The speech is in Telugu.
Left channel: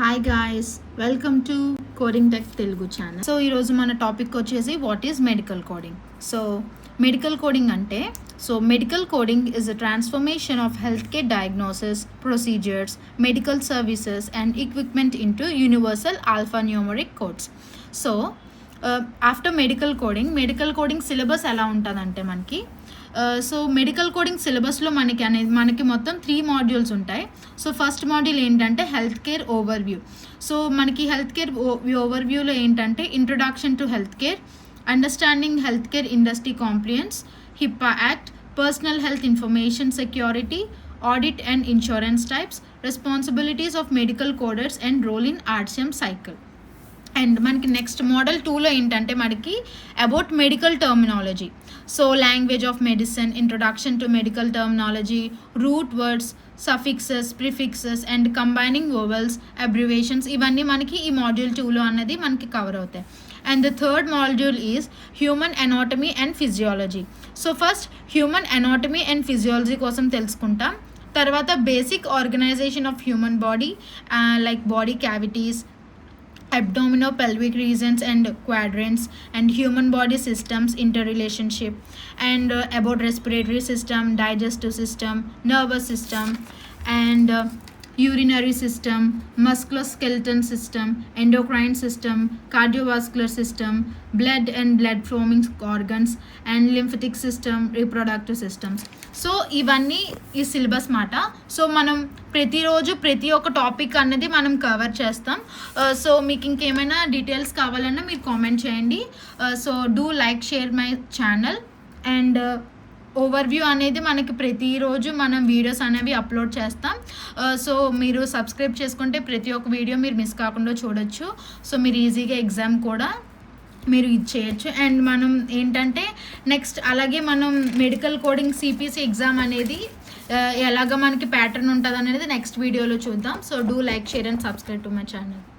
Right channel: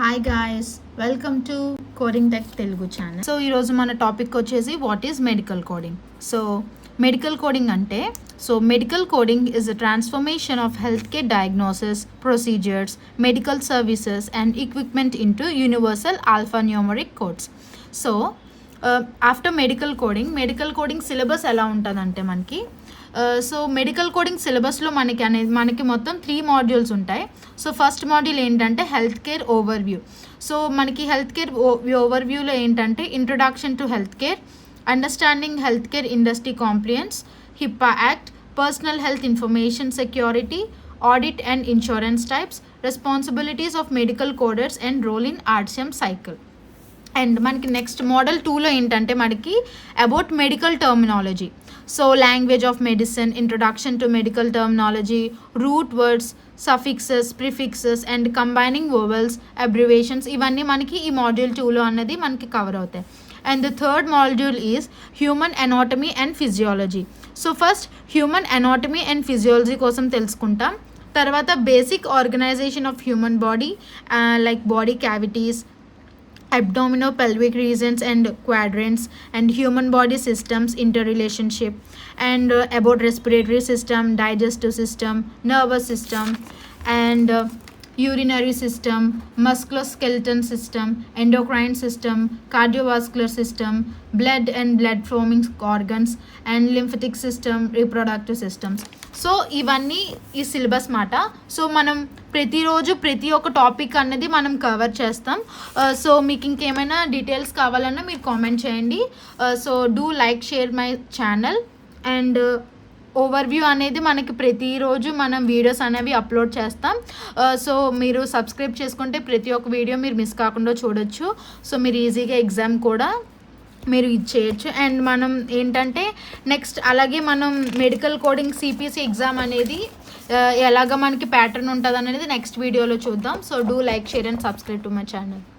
Hi guys, welcome to coding tech Telugu channel. So ఈరోజు మన టాపిక్ వచ్చేసి what is medical coding. So medical coding అంటే medical coding is a transformation of health care diagnosis, procedures, medical services and equipment into universal alphanumeric codes. So after medical coding syllabus ఎలా ఉంటుందంటే మనకి మెడికల్ కోడింగ్ సిలబస్లో మనకి మొత్తం 3 మాడ్యూల్స్ ఉంటాయి. సో ఫస్ట్ మాడ్యూల్ ఏంటంటే హెల్త్ కేర్ ఓవర్వ్యూ. సో మనకి హెల్త్ కేర్ ఓవర్వ్యూలో ఏంటంటే introduction to health care, understanding health care industry compliance, HIPAA act, personal health information security, audit and insurance types, responsibilities of medical coders and role in RCM cycle. And మనకి నెక్స్ట్ మోడల్ 2లో ఏంటంటే మనకి about medical terminology. So language of medicine, introduction to medical terminology, root words, suffixes, prefixes and combining vowels, abbreviations, ఇవన్నీ మనకి ఈ మాడ్యూల్ 2లో అన్నది మనకి కవర్ అవుతాయి. And the third module is human anatomy and physiology. So first human anatomy and physiology కోసం తెలుసుకుంటాం. తర్వాత basic organization of human body, like body cavities, abdominopelvic regions and quadrants, and human body systems interrelationship, and about respiratory system, digestive system, nervous system, and urinary system, musculoskeletal system, endocrine system, cardiovascular system, blood and blood forming organs, and lymphatic system, reproductive systems. So ఇవన్నీ ఈ సిలబస్ మాట. సో మనం ప్రతిరోజు ప్రతి ఒక్క టాపిక్ అన్నది మనం కవర్ చేస్తాం. సో మీకు ఇంకేమైనా డీటెయిల్స్ కావాలన్నా మీరు కామెంట్ చేయండి. So do like, share my channel. And overview అనేది మనకి ప్రతిరోజు మనం వీడియోస్ అనేవి అప్లోడ్ చేస్తాం. సో మీరు సబ్స్క్రైబ్ చేసుకుంటే ప్రతి ఒక్క వీడియో మీరు మిస్ కాకుండా చూడొచ్చు. సో మీరు ఈజీగా ఎగ్జామ్ కూడా మీరు ఇది చేయొచ్చు. అండ్ మనం ఏంటంటే నెక్స్ట్ అలాగే మనం మెడికల్ కోడింగ్ సిపిసి ఎగ్జామ్ అనేది ఎలాగ మనకి ప్యాటర్న్ ఉంటుంది అనేది నెక్స్ట్ వీడియోలో చూద్దాం. So do like, share and subscribe to my channel.